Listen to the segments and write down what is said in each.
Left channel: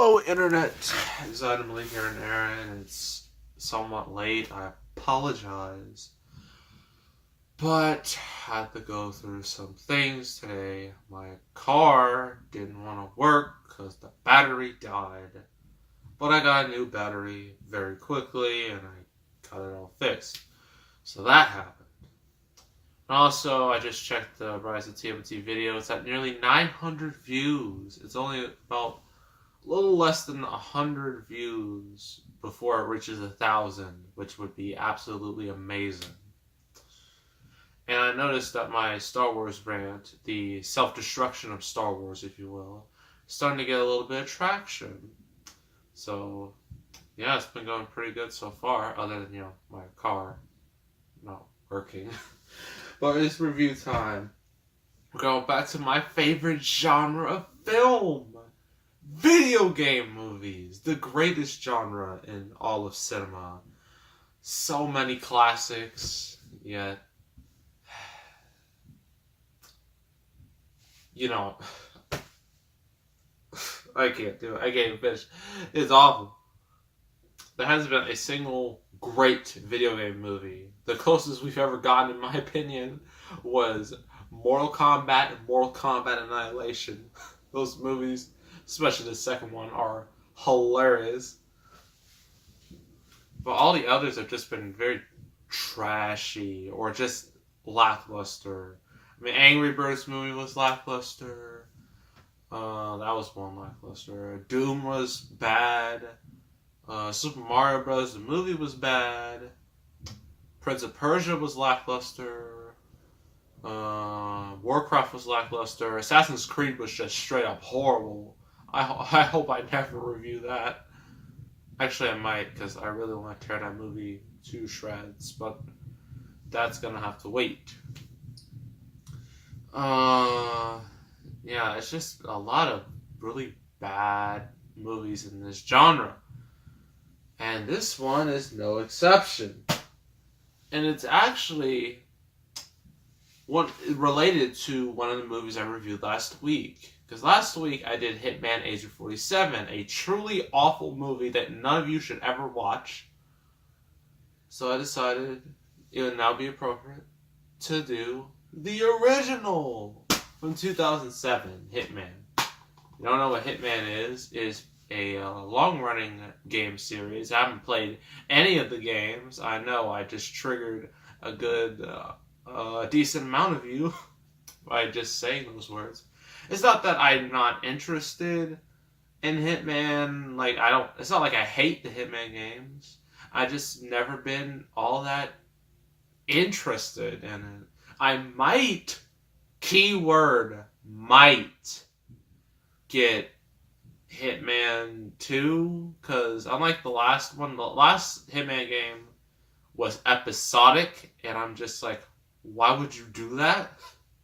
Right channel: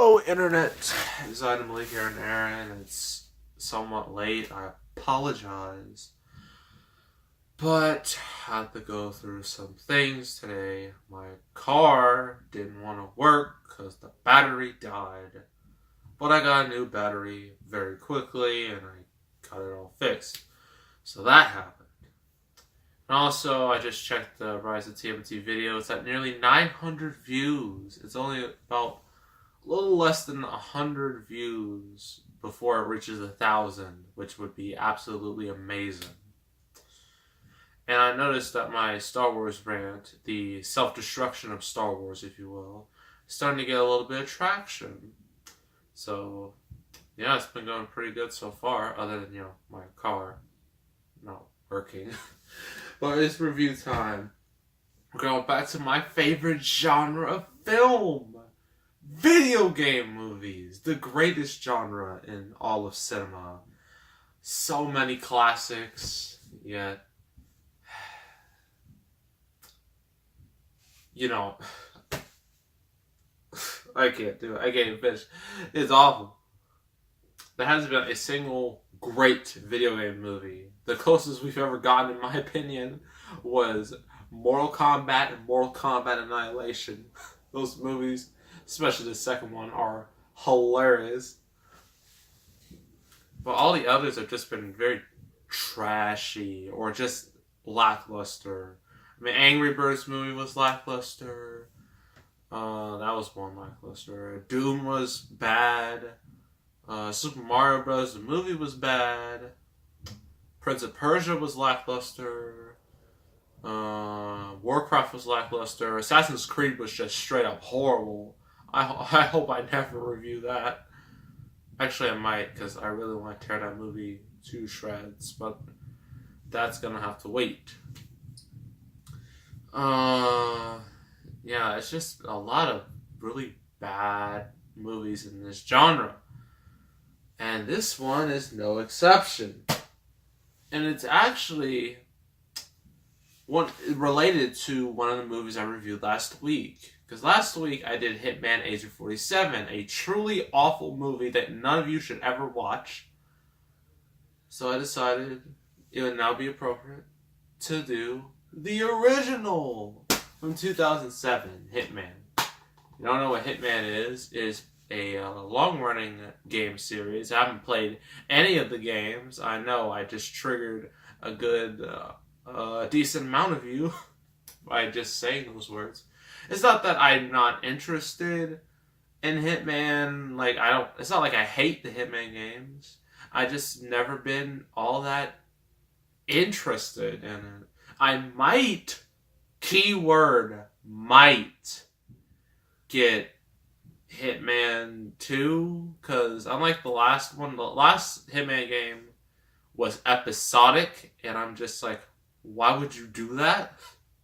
Oh, internet is itemly here and there, and it's somewhat late. I apologize. But I had to go through some things today. My car didn't want to work because the battery died. But I got a new battery very quickly, and I got it all fixed. So that happened. And also, I just checked the Rise of TMT video. It's at nearly 900 views. It's only about a little less than 100 views before it reaches 1,000, which would be absolutely amazing. And I noticed that my Star Wars brand, the self-destruction of Star Wars, if you will, is starting to get a little bit of traction. So, yeah, it's been going pretty good so far, other than, my car not working. But it's review time. We're going back to my favorite genre of film. Video game movies. The greatest genre in all of cinema. So many classics, yet... I can't do it. I can't even finish. It's awful. There hasn't been a single great video game movie. The closest we've ever gotten, in my opinion, was Mortal Kombat and Mortal Kombat Annihilation. Those movies, especially the second one, are hilarious. But all the others have just been very trashy or just lackluster. I mean, Angry Birds movie was lackluster. That was one lackluster. Doom was bad. Super Mario Bros. The movie was bad. Prince of Persia was lackluster. Warcraft was lackluster. Assassin's Creed was just straight up horrible. I hope I never review that. Actually, I might, because I really want to tear that movie to shreds, but that's gonna have to wait. Yeah, it's just a lot of really bad movies in this genre. And this one is no exception. And it's actually related to one of the movies I reviewed last week. Because last week I did Hitman Agent 47, a truly awful movie that none of you should ever watch. So I decided it would now be appropriate to do the original from 2007, Hitman. You don't know what Hitman is a long-running game series. I haven't played any of the games. I know I just triggered a good, decent amount of you by just saying those words. It's not that I'm not interested in Hitman. It's not like I hate the Hitman games. I just never been all that interested in it. I might, keyword, might get Hitman 2, because unlike the last one, the last Hitman game was episodic, and I'm just like, why would you do that?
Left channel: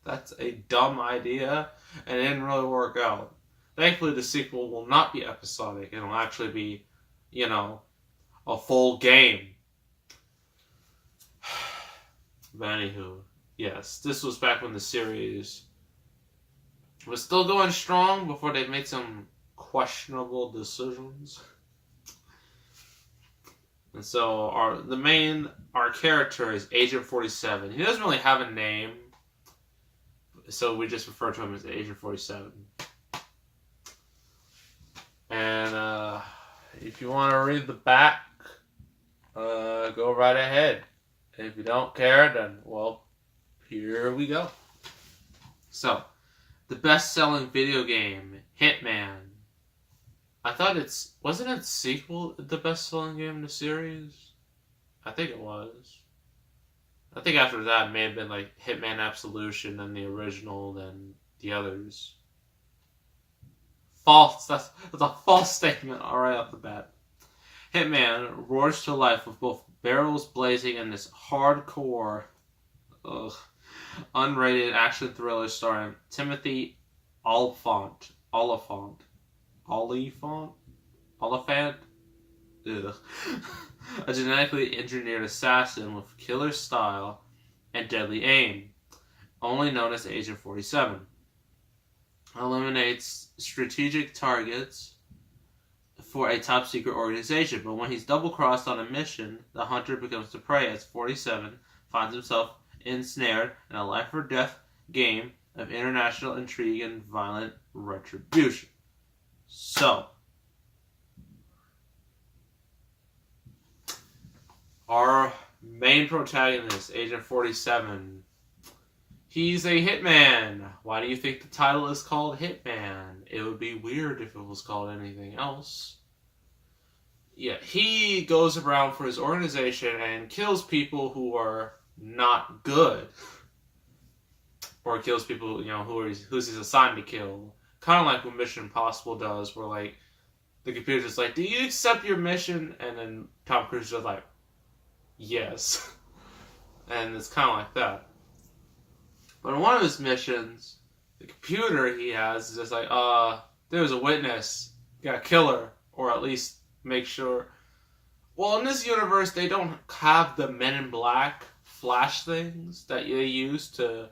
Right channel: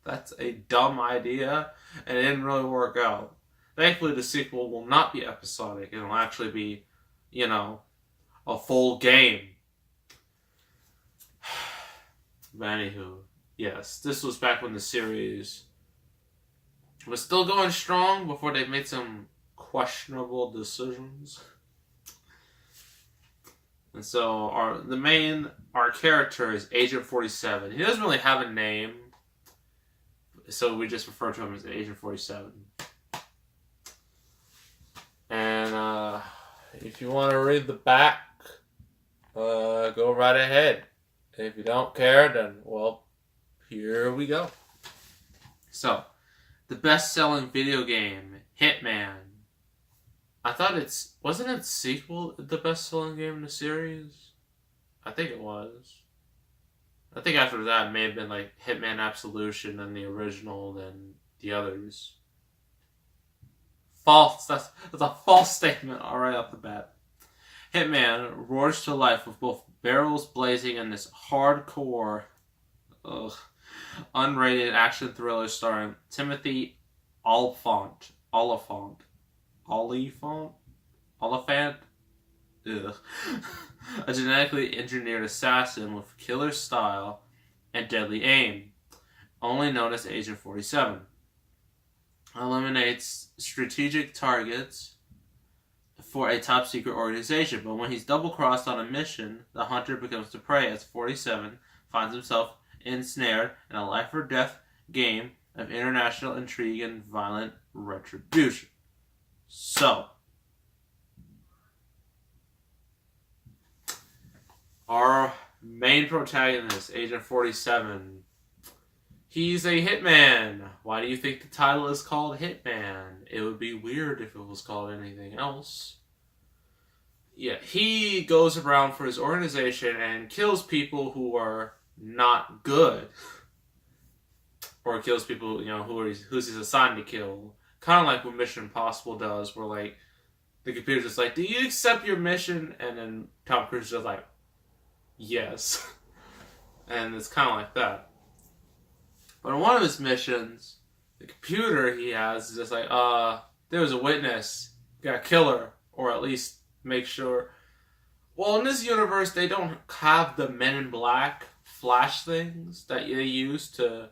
That's a dumb idea, and it didn't really work out. Thankfully, the sequel will not be episodic. It'll actually be, a full game. But anywho, yes, this was back when the series was still going strong before they made some questionable decisions. And so our character is Agent 47. He doesn't really have a name, so we just refer to him as Agent 47. And if you want to read the back, go right ahead. If you don't care, then, well, here we go. So, the best-selling video game, Hitman. I thought wasn't its sequel the best-selling game in the series? I think it was. I think after that it may have been like Hitman Absolution, then the original, then the others. False. That's a false statement right off the bat. Hitman roars to life with both barrels blazing and this hardcore, unrated action thriller starring Timothy Oliphant. Ugh. A genetically engineered assassin with killer style and deadly aim, only known as Agent 47. Eliminates strategic targets for a top secret organization. But when he's double crossed on a mission, the hunter becomes the prey as 47 finds himself ensnared in a life or death game of international intrigue and violent retribution. So, our main protagonist, Agent 47, he's a hitman. Why do you think the title is called Hitman? It would be weird if it was called anything else. Yeah, he goes around for his organization and kills people who are not good. Or kills people, who's he's assigned to kill. Kind of like what Mission Impossible does, where, like, the computer's just like, do you accept your mission? And then Tom Cruise is just like, yes. And it's kind of like that. But in one of his missions, the computer he has is just like, there's a witness. You gotta kill her. Or at least make sure. Well, in this universe, they don't have the Men in Black flash things that they use to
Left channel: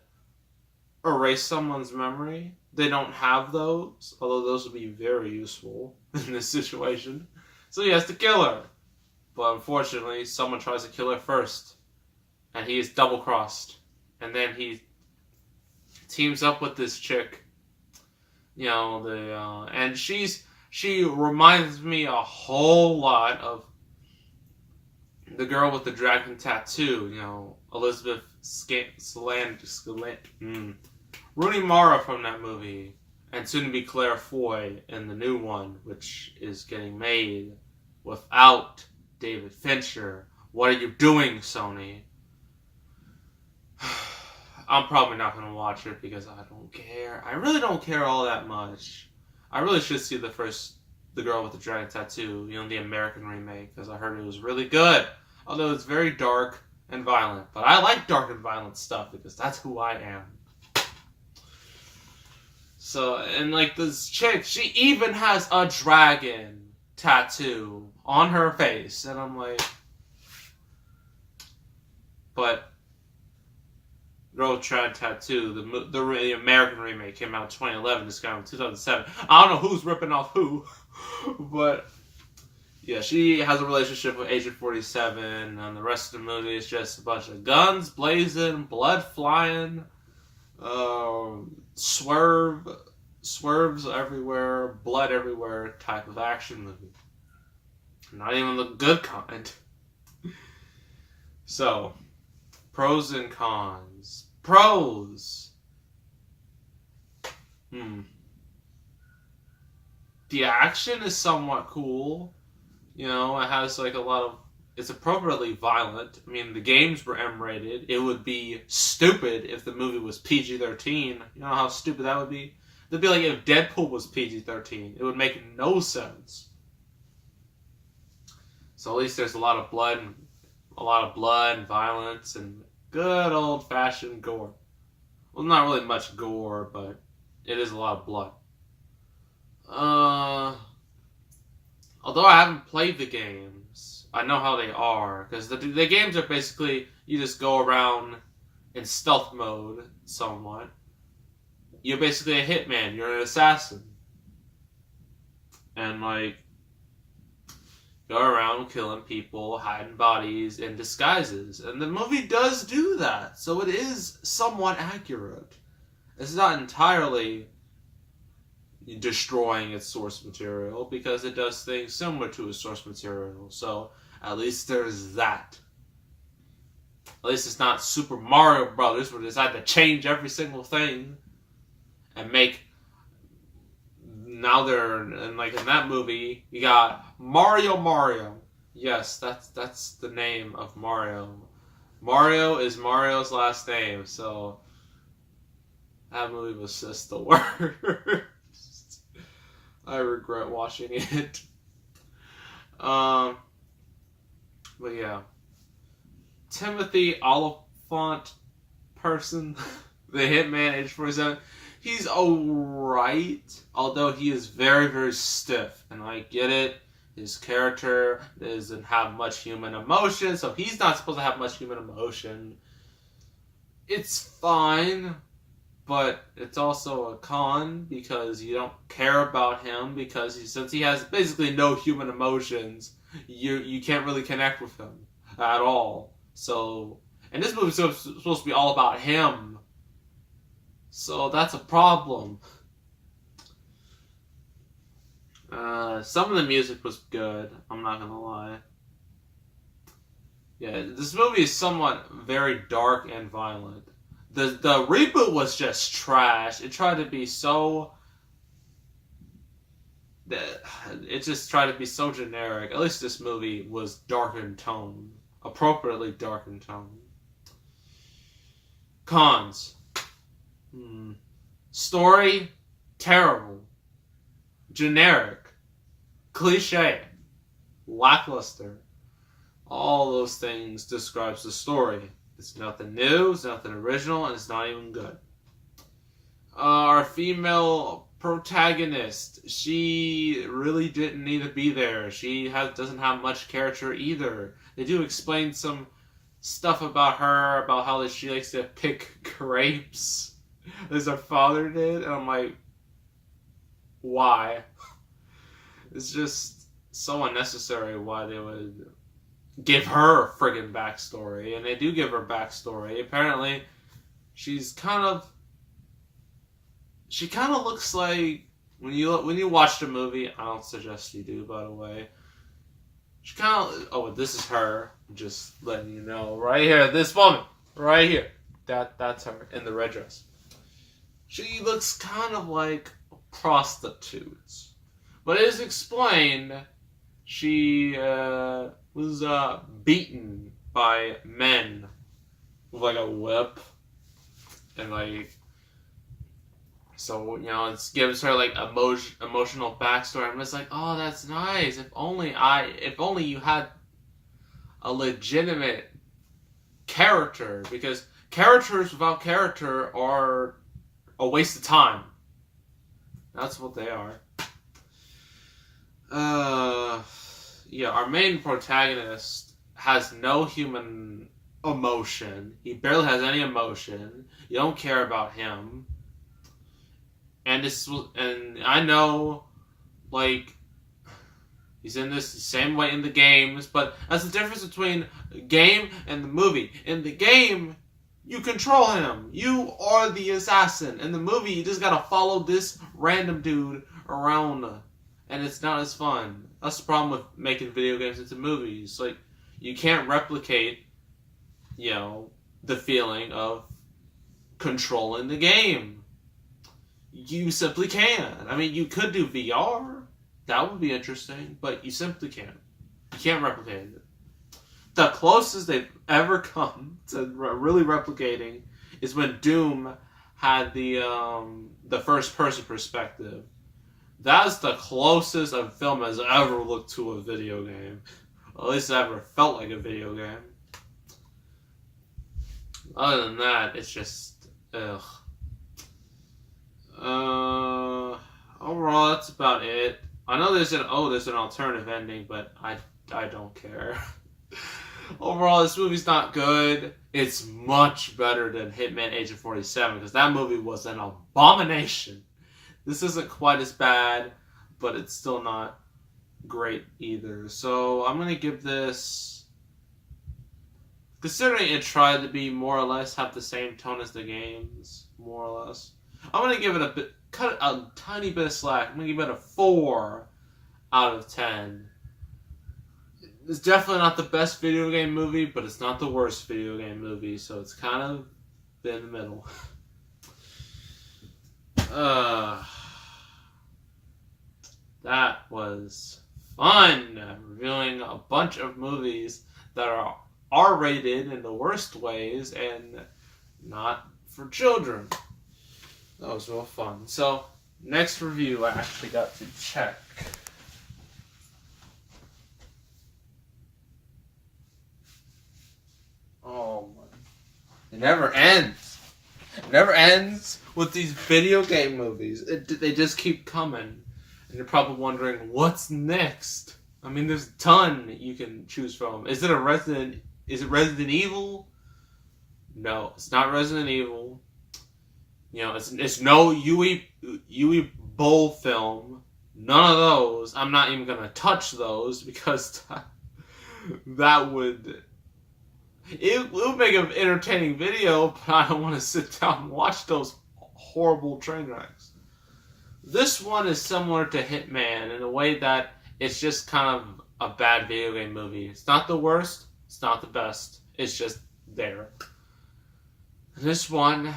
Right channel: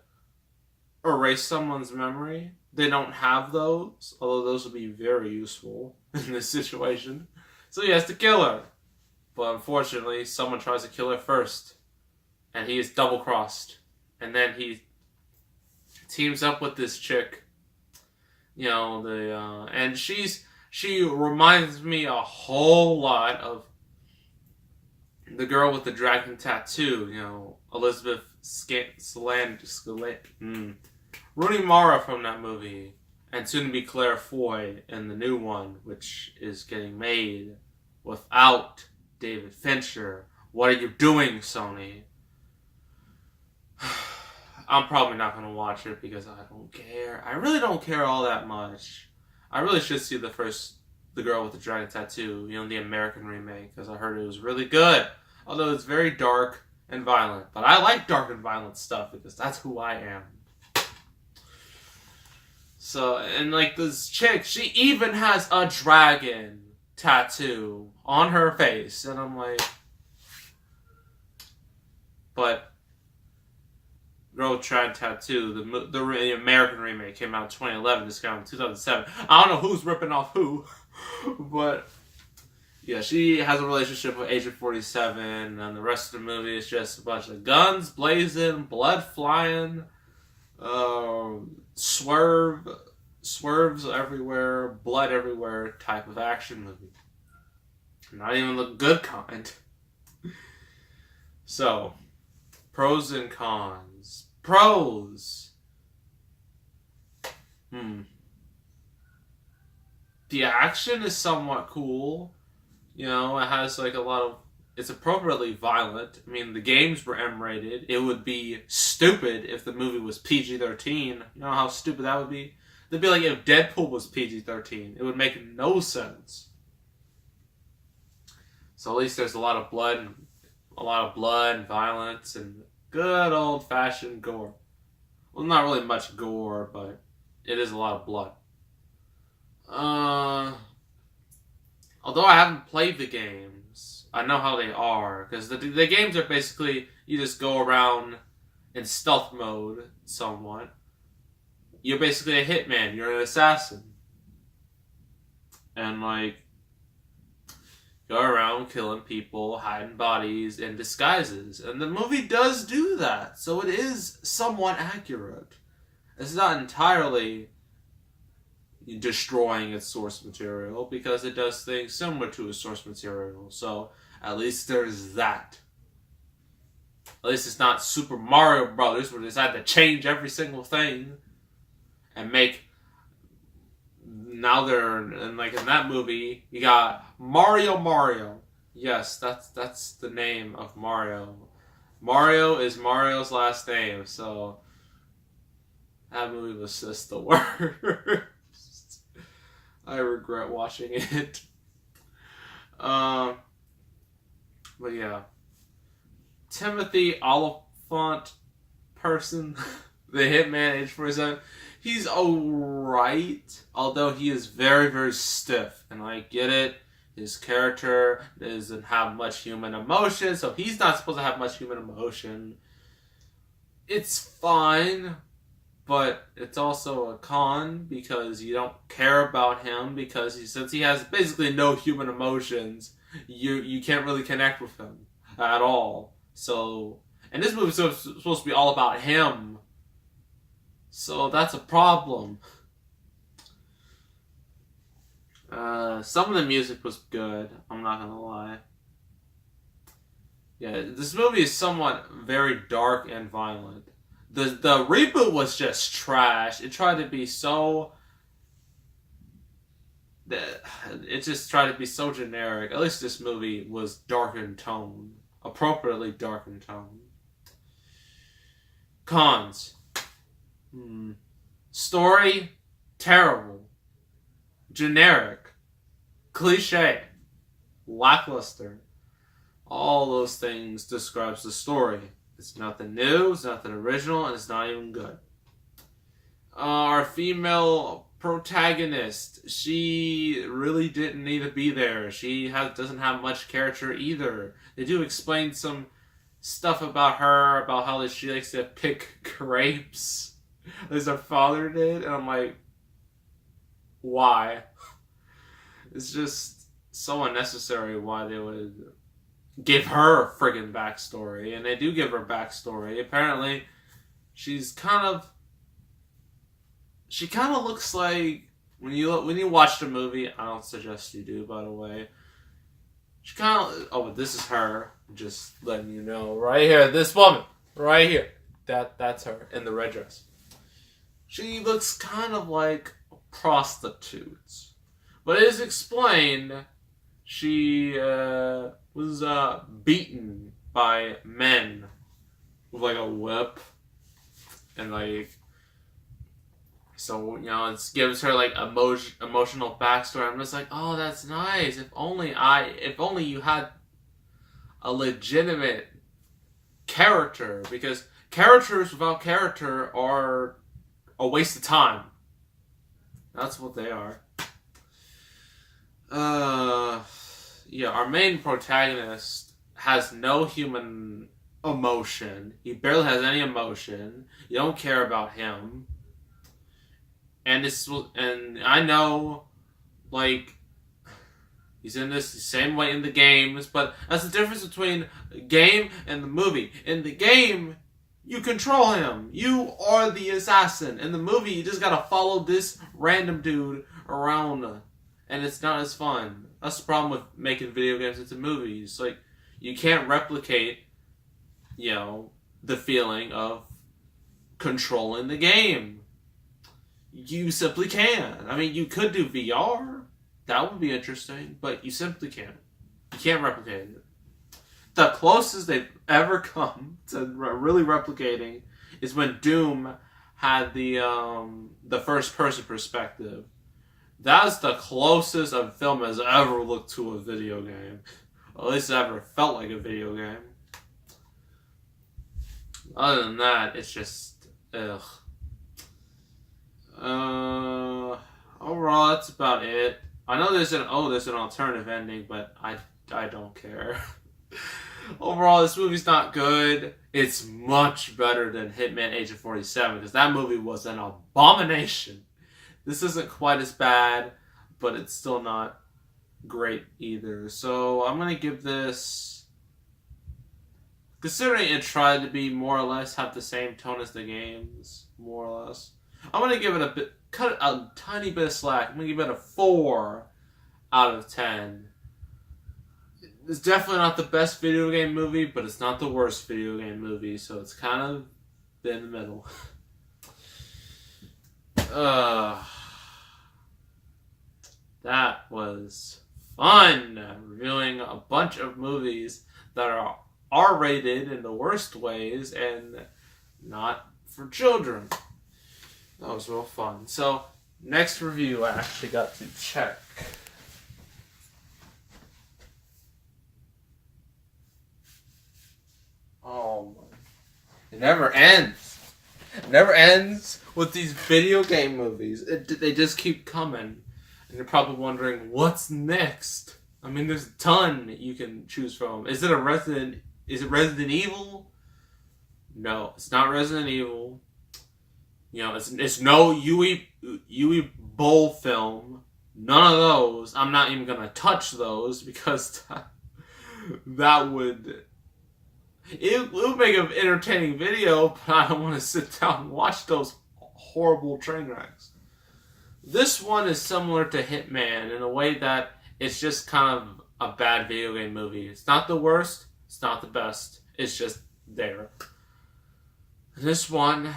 erase someone's memory. They don't have those, although those would be very useful in this situation. So he has to kill her. But unfortunately, someone tries to kill her first. And he is double-crossed. And then he teams up with this chick. And she reminds me a whole lot of the girl with the dragon tattoo, Elizabeth Rooney Mara from that movie, and soon to be Claire Foy in the new one, which is getting made without David Fincher. What are you doing, Sony? I'm probably not going to watch it because I don't care. I really don't care all that much. I really should see the girl with the dragon tattoo, the American remake, because I heard it was really good. Although it's very dark and violent. But I like dark and violent stuff because that's who I am. So, and like this chick, she even has a dragon tattoo on her face. And I'm like, but girl with dragon tattoo, the American remake came out in 2011, this came out in 2007. I don't know who's ripping off who, but yeah, she has a relationship with Agent 47, and the rest of the movie is just a bunch of guns blazing, blood flying, swerves everywhere, blood everywhere type of action movie. Not even the good kind. So, pros and cons. Pros. The action is somewhat cool. It has like a lot of... It's appropriately violent. I mean, the games were M-rated. It would be stupid if the movie was PG-13. You know how stupid that would be? It'd be like if Deadpool was PG-13. It would make no sense. So at least there's a lot of blood and violence and good old-fashioned gore. Well, not really much gore, but it is a lot of blood. Although I haven't played the games, I know how they are. Because the games are basically, you just go around in stealth mode somewhat. You're basically a hitman. You're an assassin. And, go around killing people, hiding bodies, in disguises. And the movie does do that. So it is somewhat accurate. It's not entirely destroying its source material, because it does things similar to its source material. So at least there's that. At least it's not Super Mario Brothers, where they had to change every single thing and make... Now they're in that movie, you got Mario. Yes, that's the name of Mario. Mario is Mario's last name, so that movie was just the worst. I regret watching it. But yeah. Timothy Oliphant person, the Hitman, age 47, he's alright, although he is very, very stiff. And I get it, his character doesn't have much human emotion, so he's not supposed to have much human emotion. It's fine, but it's also a con because you don't care about him because since he has basically no human emotions, you can't really connect with him at all. So, and this movie's supposed to be all about him, so that's a problem. Some of the music was good, I'm not gonna lie. Yeah, this movie is somewhat very dark and violent. The reboot was just trash. It tried to be so... It just tried to be so generic. At least this movie was dark in tone. Appropriately dark in tone. Cons. Story, terrible. Generic. Cliche. Lackluster. All those things describes the story. It's nothing new, it's nothing original, and it's not even good. Our female protagonist, she really didn't need to be there. She doesn't have much character either. They do explain some stuff about her, about how she likes to pick grapes, as her father did, and I'm like, why? It's just so unnecessary why they would give her a friggin' backstory, and they do give her backstory. Apparently, she kind of looks like when you watch the movie. I don't suggest you do, by the way. She kind of this is her. Just letting you know, right here, this woman, right here, that's her in the red dress. She looks kind of like prostitutes, but it is explained she was beaten by men with like a whip, and like, so it gives her like emotional backstory. I'm just like, oh, that's nice. If only you had a legitimate character, because characters without character are a waste of time. That's what they are. Yeah, our main protagonist has no human emotion. He barely has any emotion. You don't care about him. And I know, like, he's in this the same way in the games, but that's the difference between the game and the movie. In the game, you control him. You are the assassin. In the movie, you just gotta follow this random dude around, and it's not as fun. That's the problem with making video games into movies. Like, you can't replicate, the feeling of controlling the game. You simply can't. I mean, you could do VR. That would be interesting, but you simply can't. You can't replicate it. The closest they've ever come to really replicating is when Doom had the first person perspective. That's the closest a film has ever looked to a video game. Or at least it ever felt like a video game. Other than that, it's just ugh. Overall, that's about it. I know there's an alternative ending, but I don't care. Overall, this movie's not good. It's much better than Hitman Agent 47, because that movie was an abomination. This isn't quite as bad, but it's still not great either. So I'm going to give this, considering it tried to be more or less have the same tone as the games, more or less, I'm going to give it cut a tiny bit of slack. I'm going to give it a 4 out of 10. It's definitely not the best video game movie, but it's not the worst video game movie, so it's kind of in the middle. That was fun, reviewing a bunch of movies that are R-rated in the worst ways and not for children. That was real fun. So, next review I actually got to check. Oh my. It never ends. It never ends with these video game movies. They just keep coming. And you're probably wondering, what's next? I mean, there's a ton you can choose from. Is it Resident Evil? No, it's not Resident Evil. You know, it's no Yui Bowl film. None of those. I'm not even gonna touch those because that would it would make an entertaining video, but I don't want to sit down and watch those horrible train wrecks. This one is similar to Hitman in a way that it's just kind of a bad video game movie. It's not the worst. It's not the best. It's just there. This one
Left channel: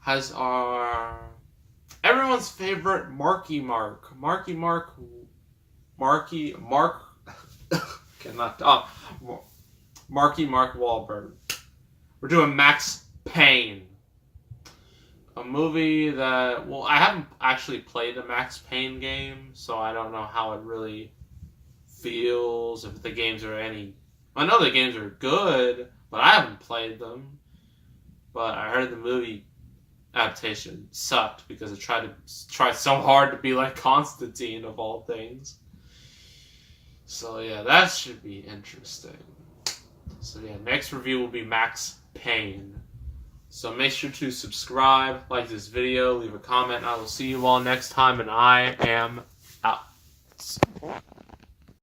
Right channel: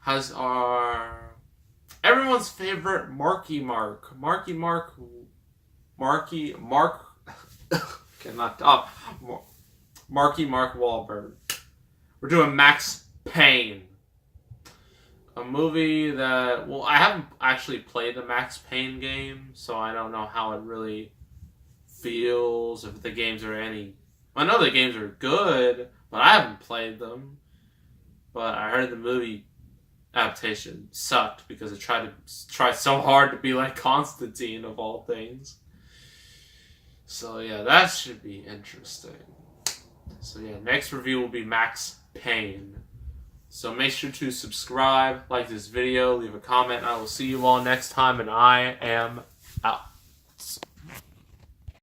has everyone's favorite Marky Mark cannot talk. Marky Mark Wahlberg. We're doing Max Payne. A movie that, well, I haven't actually played the Max Payne game, so I don't know how it really feels, if the games are any... I know the games are good, but I haven't played them. But I heard the movie adaptation sucked because it tried so hard to be like Constantine, of all things. So yeah, that should be interesting. So yeah, next review will be Max Payne. So make sure to subscribe, like this video, leave a comment. I will see you all next time, and I am out.